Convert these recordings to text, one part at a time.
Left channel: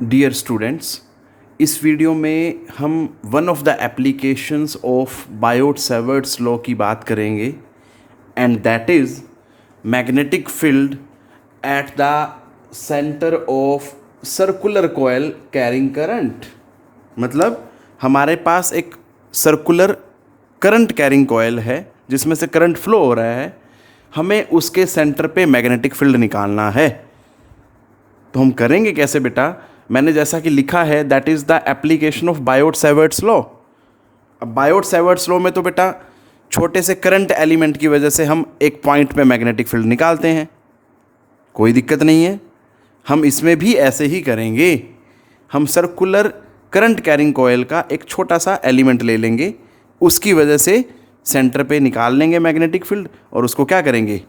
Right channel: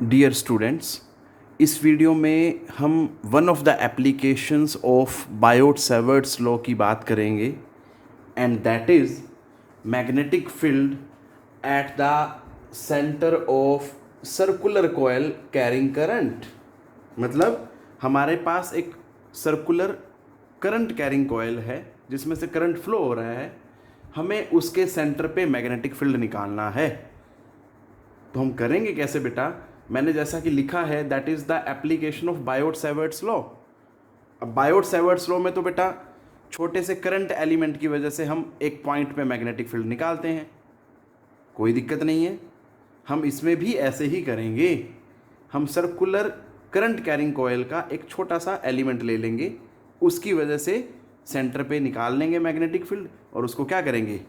Dear students, इस video में हम one of the applications of Biot Savart's law की बात करेंगे and that is magnetic field at the centre of circular coil carrying current. मतलब हमारे पास एक सर्कुलर करंट कैरिंग कॉइल है जिसमें से करंट फ्लो हो रहा है, हमें उसके सेंटर पे मैग्नेटिक फील्ड निकालना है। तो हम करेंगे कैसे बेटा? मैंने जैसा कि लिखा है that is the application of Biot Savart's law. अब बायोट सेवर्ट्स लॉ में तो बेटा छोटे से करंट एलिमेंट की वजह से हम एक पॉइंट पे मैग्नेटिक फील्ड निकालते हैं, कोई दिक्कत नहीं है। हम इसमें भी ऐसे ही करेंगे। हम सर्कुलर करंट कैरिंग कॉइल का एक छोटा सा एलिमेंट ले लेंगे, उसकी वजह से सेंटर पे निकाल लेंगे मैग्नेटिक फील्ड और उसको क्या करेंगे,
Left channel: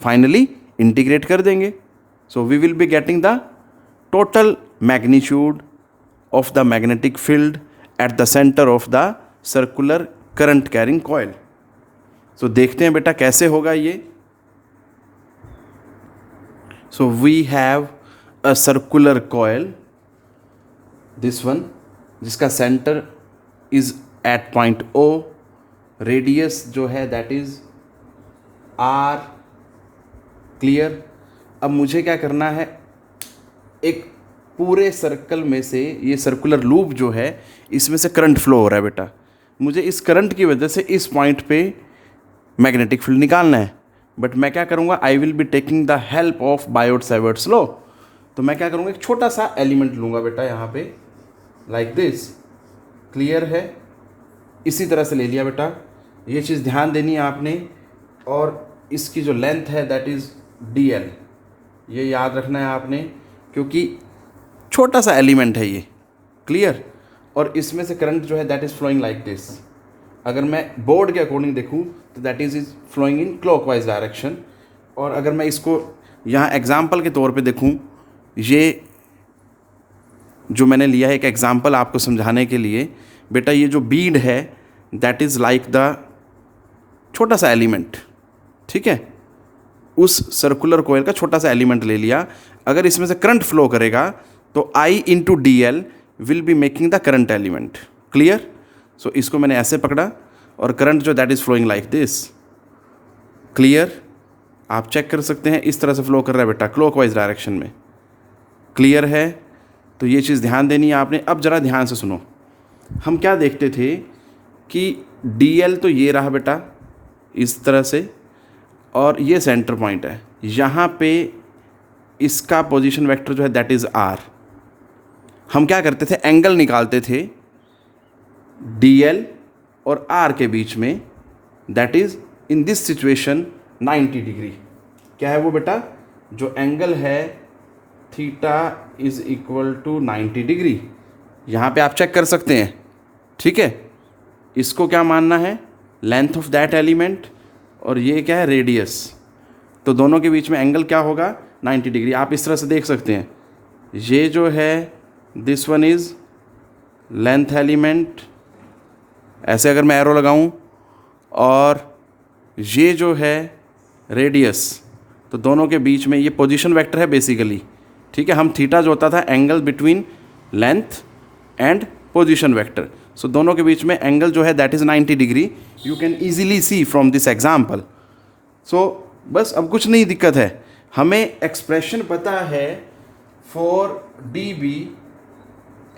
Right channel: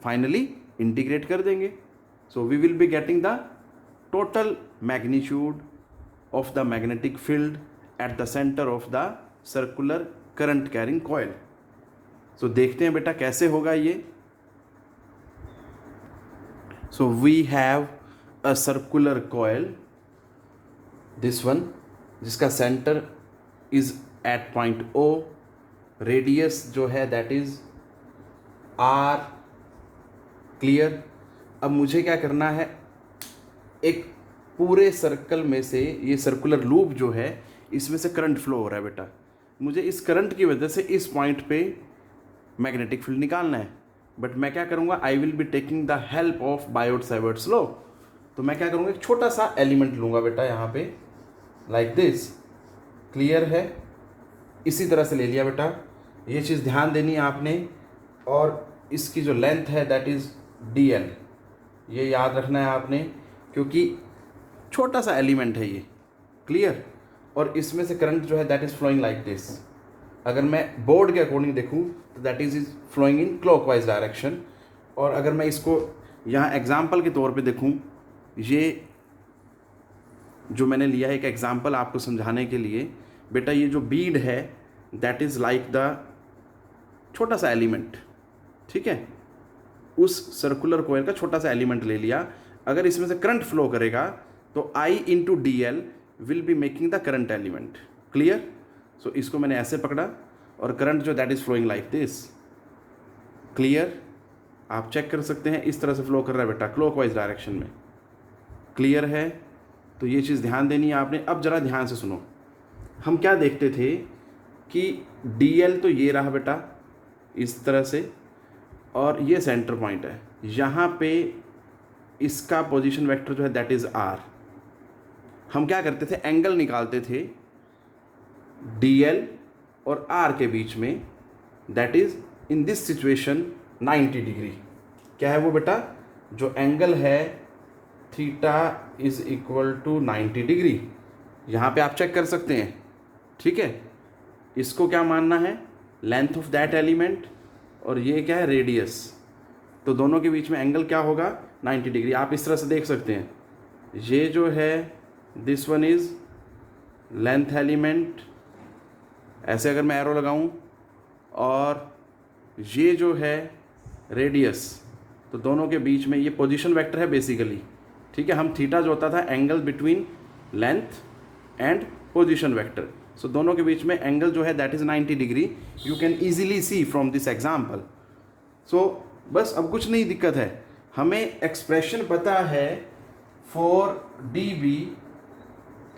फाइनली इंटीग्रेट कर देंगे। So we will be getting the total magnitude of the magnetic field at the center of the circular current carrying coil. So देखते हैं बेटा कैसे होगा ये। So we have a circular coil, this one, जिसका center is at point O, radius जो है that is R, clear। अब मुझे क्या करना है, एक पूरे सर्कल में से ये सर्कुलर लूप जो है इसमें से करंट फ्लो हो रहा है बेटा। मुझे इस करंट की वजह से इस पॉइंट पे मैग्नेटिक फील्ड निकालना है, बट मैं क्या करूँगा, I will be taking the help of Biot Savart's law. तो मैं क्या करूँगा, एक छोटा सा एलिमेंट लूँगा बेटा यहाँ पे, लाइक दिस। क्लियर है? इसी तरह से ले लिया बेटा। ये चीज़ ध्यान देनी है आपने। और इसकी जो लेंथ है दैट इज़ DL, ये याद रखना है आपने, क्योंकि छोटा सा एलिमेंट है ये। क्लियर? और इसमें से करंट जो है that is flowing like this. अगर मैं बोर्ड के अकॉर्डिंग देखूँ तो that is flowing in clockwise direction. और अगर मैं इसको यहाँ एग्जाम्पल के तौर पे देखूँ, ये जो मैंने लिया है एक एग्जाम्पल आपको समझाने के लिए बेटा, ये जो बीड है दैट इज़ लाइक द छोटा सा एलिमेंट, ठीक है, उस सर्कुलर कॉइल का छोटा सा एलिमेंट ले लिया। अगर इसमें से करंट फ्लो करेगा तो I into DL will be making the current element. Clear? So इसको मैंने ऐसे पकड़ा और करंट जो that is flowing like this. Clear? आप चेक कर सकते हैं, इस तरह से फ्लो कर रहा है बेटा क्लॉकवाइज डायरेक्शन में। क्लियर है? तो ये चीज़ ध्यान देनी है आपने। अब ज़रा ध्यान से सुनो, हम क्या देखते थे कि DL तो ये रहा बेटा इस तरह से, और ये सेंटर पॉइंट है। यहाँ पे इसका पोजीशन वेक्टर जो है दैट इज़ R। हम क्या करते थे, एंगल निकालते थे DL और R के बीच में, that is in this situation 90 degree. क्या है वो बेटा? जो एंगल है theta is equal to 90 degree. यहाँ पे आप चेक कर सकते हैं, ठीक है। इसको क्या मानना है, लेंथ ऑफ दैट एलिमेंट, और ये क्या है, रेडियस। तो दोनों के बीच में एंगल क्या होगा, 90 डिग्री। आप इस तरह से देख सकते हैं, ये जो है this one is length element, ऐसे अगर मैं एरो लगाऊं, और ये जो है रेडियस, तो दोनों के बीच में ये पोजीशन वेक्टर है बेसिकली, ठीक है। हम थीटा जो होता था angle between length and position vector, so दोनों के बीच में एंगल जो है that is 90 degree. You can easily see from this example. So बस अब कुछ नहीं दिक्कत है, हमें एक्सप्रेशन पता है for DB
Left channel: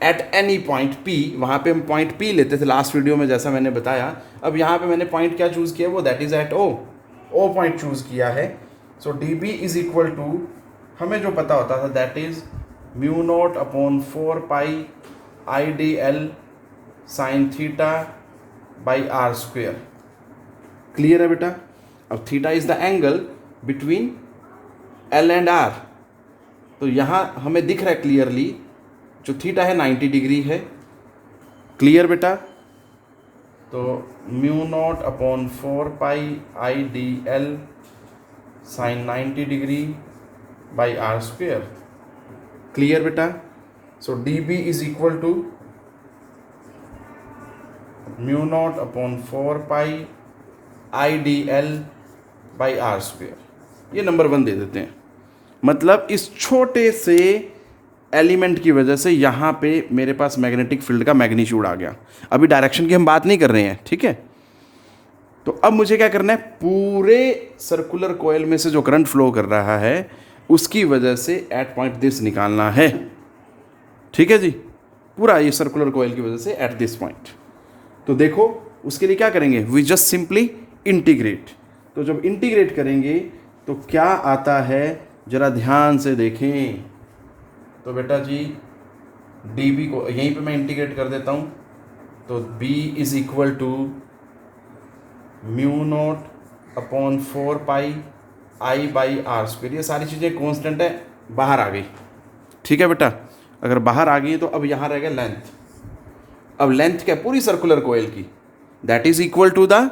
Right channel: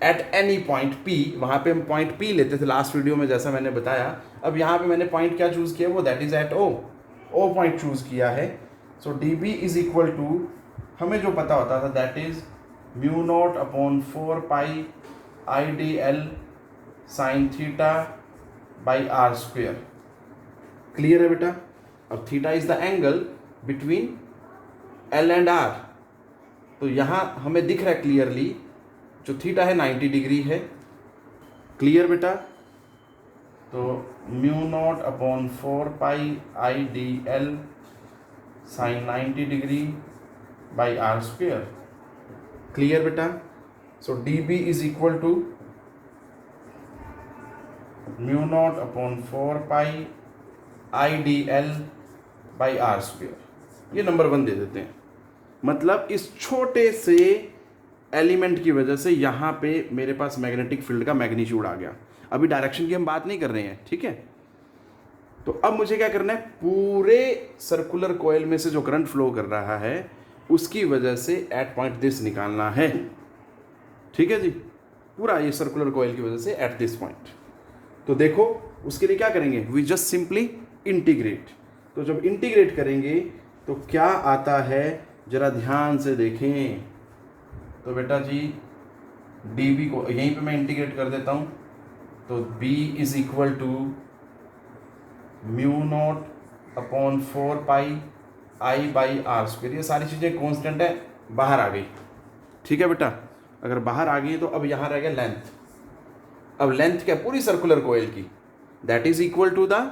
at any point P। वहाँ पे हम पॉइंट P लेते थे लास्ट वीडियो में जैसा मैंने बताया। अब यहाँ पे मैंने पॉइंट क्या चूज़ किया, वो that is at O point choose किया है। सो DB इज इक्वल टू, हमें जो पता होता था that is mu naught upon 4 pi IDL sine theta by R square. Clear है बेटा? अब theta is the angle between L and R, तो यहाँ हमें दिख रहा है क्लियरली जो थीटा है 90 डिग्री है। क्लियर बेटा? तो mu naught upon 4 pi IDL sine 90 degree by R square. Clear बेटा? So DB is equal to mu naught upon 4 pi IDL by R square. ये नंबर 1 दे देते हैं। मतलब इस छोटे से एलिमेंट की वजह से यहाँ पे मेरे पास मैग्नेटिक फील्ड का मैग्नीट्यूड आ गया। अभी डायरेक्शन की हम बात नहीं कर रहे हैं, ठीक है। तो अब मुझे क्या करना है, पूरे सर्कुलर कॉइल में से जो करंट फ्लो कर रहा है उसकी वजह से एट पॉइंट दिस निकालना है, ठीक है जी। पूरा ये सर्कुलर कॉइल की वजह से एट दिस पॉइंट। तो देखो उसके लिए क्या करेंगे, वी जस्ट सिंपली इंटीग्रेट। तो जब इंटीग्रेट करेंगे तो क्या आता है, जरा ध्यान से देखें। तो बेटा जी डी बी को यहीं पे मैं इंटीग्रेट कर देता हूँ। तो b is equal to mu naught upon 4 pi I by R square. ये सारी चीज़ें कॉन्स्टेंट है, बाहर आ गई, ठीक है बेटा। अगर बाहर आ गई तो अब यहाँ रह गया लेंथ। अब लेंथ क्या, पूरी सर्कुलर कोयल की, that is equal to the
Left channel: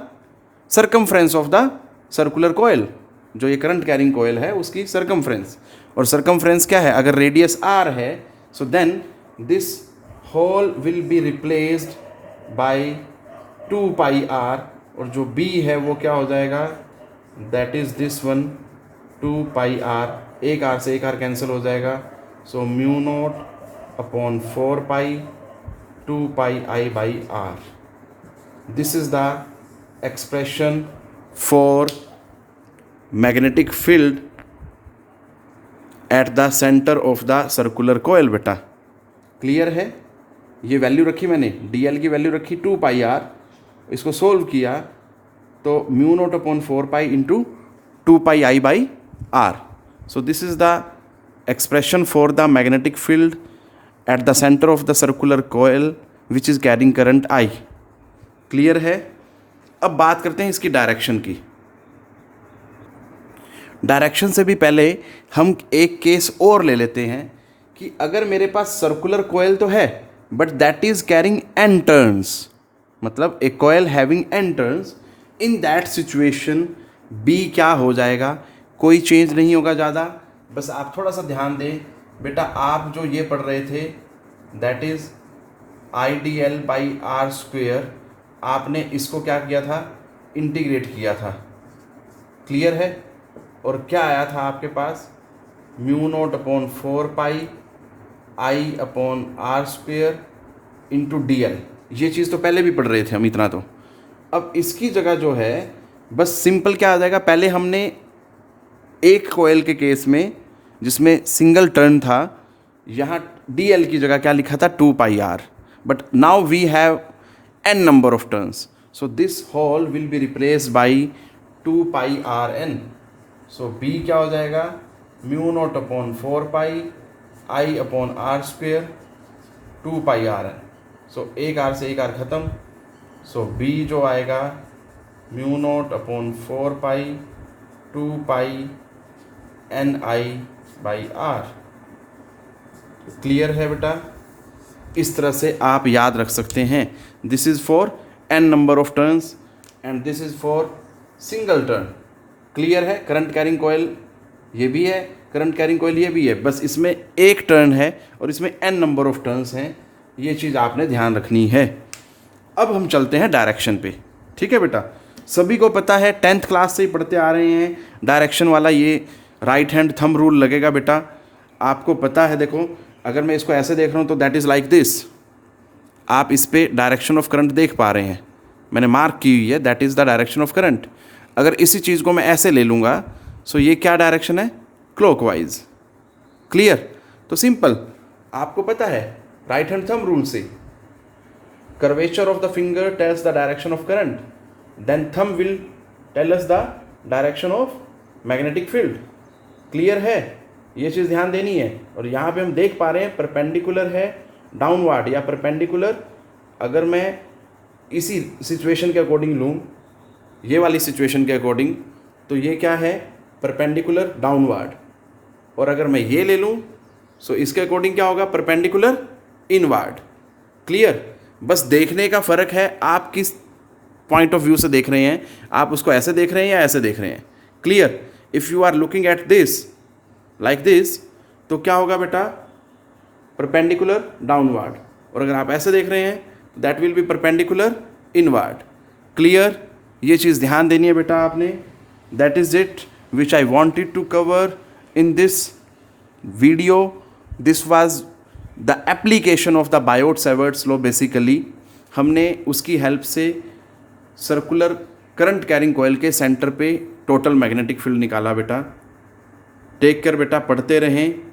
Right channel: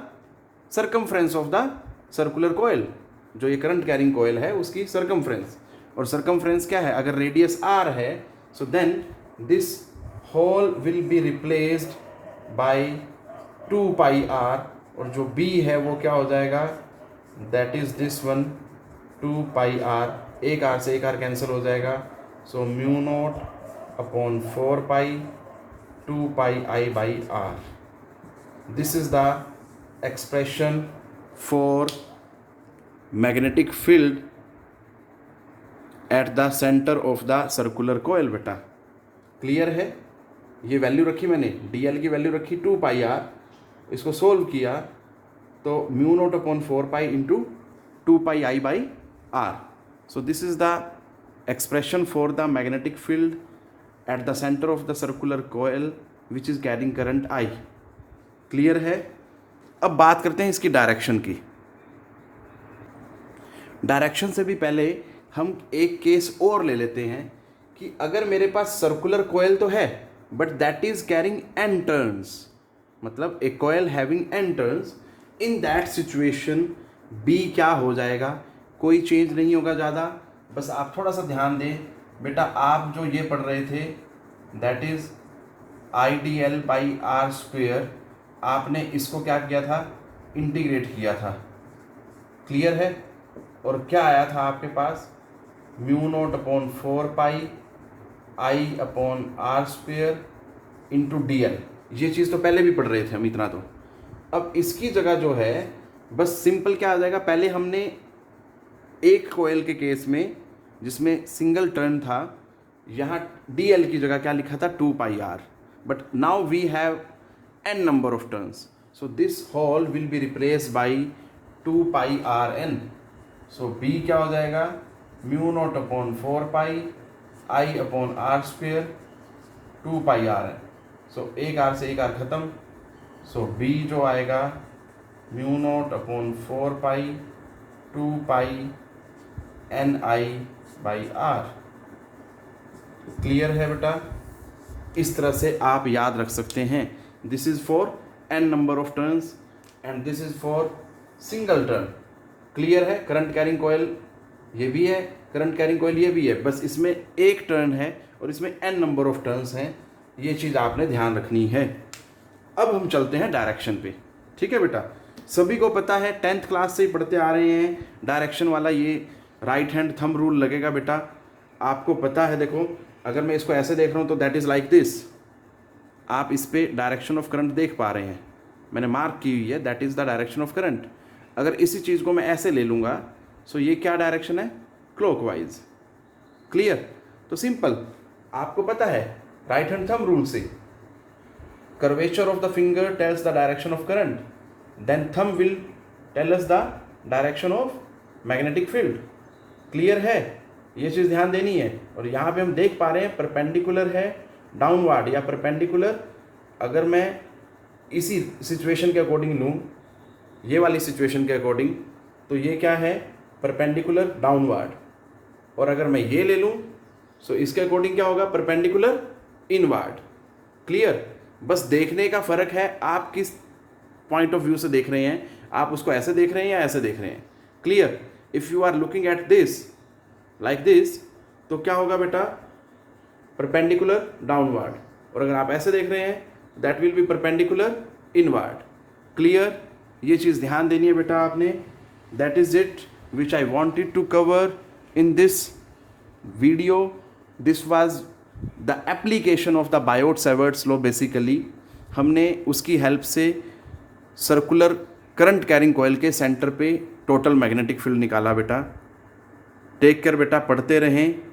circumference of the circular coil. जो ये करंट कैरिंग कोयल है उसकी सर्कमफ्रेंस, और सर्कमफ्रेंस क्या है, अगर रेडियस आर है so then this whole will be replaced by 2 pi R, और जो b है वो क्या हो जाएगा, that is this one 2 pi R. एक आर से एक आर कैंसिल हो जाएगा, so mu naught upon 4 pi 2 pi I by R. This is the expression for magnetic field at the centre of the circular coil. बेटा clear है, ये value रखी मैंने, dl की वैल्यू रखी 2 पाई आर, इसको सोल्व किया तो mu naught upon 4 pi into 2 pi I by R. So this is the expression for the magnetic field at the centre of the circular coil which is carrying current I. Clear है। अब बात करते हैं इसकी direction की। Direction से भी पहले हम एक केस और ले लेते हैं कि अगर मेरे पास सर्कुलर कोयल तो है but that is carrying N turns, मतलब a coil having N turns, in that situation B क्या हो जाएगा, कोई चेंज नहीं होगा ज़्यादा। बस आप थोड़ा सा ध्यान दें बेटा, आप जो ये पढ़ रहे थे that is I D L by R square, आपने इसको क्या किया था, इंटीग्रेट किया था। क्लियर है। और क्या आया था आपके पास, mu naught upon 4 pi I upon R square into D L. ये चीज़ तो पहले भी पढ़ रहे थे हम इतना। तो अब इसकी जगह जो है बस सिंपल क्या आ जाएगा, पहले हमने एक कोयल के केस में जिसमें सिंगल टर्न था, यहाँ डी एल की जगह क्या लिखा था 2 pi R, but now we have n number of turns, so this whole will be replaced by 2 pi r n। so b क्या हो जाएगा, mu naught upon 4 pi I upon R square 2 pi R N. So एक R से एक are खत्म, सो b जो आएगा mu naught upon 4 pi 2 pi N I by R. Clear है बेटा, इस तरह से आप याद रख सकते हैं। This is for n number of turns and this is for single turn. Clear है। करंट कैरिंग कॉयल ये भी है, करंट कैरिंग कॉयल ये भी है, बस इसमें एक टर्न है और इसमें n नंबर ऑफ टर्न्स हैं। ये चीज़ आपने ध्यान रखनी है। अब हम चलते हैं डायरेक्शन पे, ठीक है बेटा। सभी को पता है, 10th क्लास से ही पढ़ते आ रहे हैं, डायरेक्शन वाला ये राइट हैंड थंब रूल लगेगा बेटा, आपको पता है। देखो अगर मैं इसको ऐसे देख रहा हूँ तो दैट इज़ लाइक दिस, आप इस पे डायरेक्शन ऑफ करंट देख पा रहे हैं, मैंने मार्क की हुई है, that is the direction of current. अगर इसी चीज़ को मैं ऐसे ले लूँगा सो ये क्या डायरेक्शन है, क्लॉकवाइज। क्लियर। तो सिंपल, आपको पता है राइट हैंड थंब रूल से curvature of the finger tells the direction of current, then thumb will tell us the direction of magnetic field. Clear है, ये चीज़ ध्यान देनी है। और यहाँ पे हम देख पा रहे हैं परपेंडिकुलर है डाउनवर्ड या परपेंडिकुलर। अगर मैं इसी सिचुएशन के अकॉर्डिंग लूँ, ये वाली सिचुएशन के अकॉर्डिंग, तो ये क्या है, परपेंडिकुलर डाउनवर्ड। और अगर मैं ये ले लूँ सो इसके अकॉर्डिंग क्या होगा, परपेंडिकुलर इनवर्ड। क्लियर। बस देखने का फ़र्क है, आप किस पॉइंट ऑफ व्यू से देख रहे हैं, आप उसको ऐसे देख रहे हैं या ऐसे देख रहे हैं। Clear. If you are looking at this like this तो क्या होगा बेटा, परपेंडिकुलर डाउनवर्ड। और अगर आप ऐसे देख रहे हैं that will be perpendicular inward. Clear. ये चीज़ ध्यान देनी है बेटा आपने। That is it which I wanted to cover in this video. This was the application of the Biot Savart's law. Basically हमने उसकी हेल्प से सर्कुलर करंट कैरिंग कॉयल के सेंटर पे टोटल मैग्नेटिक फील्ड निकाला बेटा। टेक केयर बेटा, पढ़ते रहें।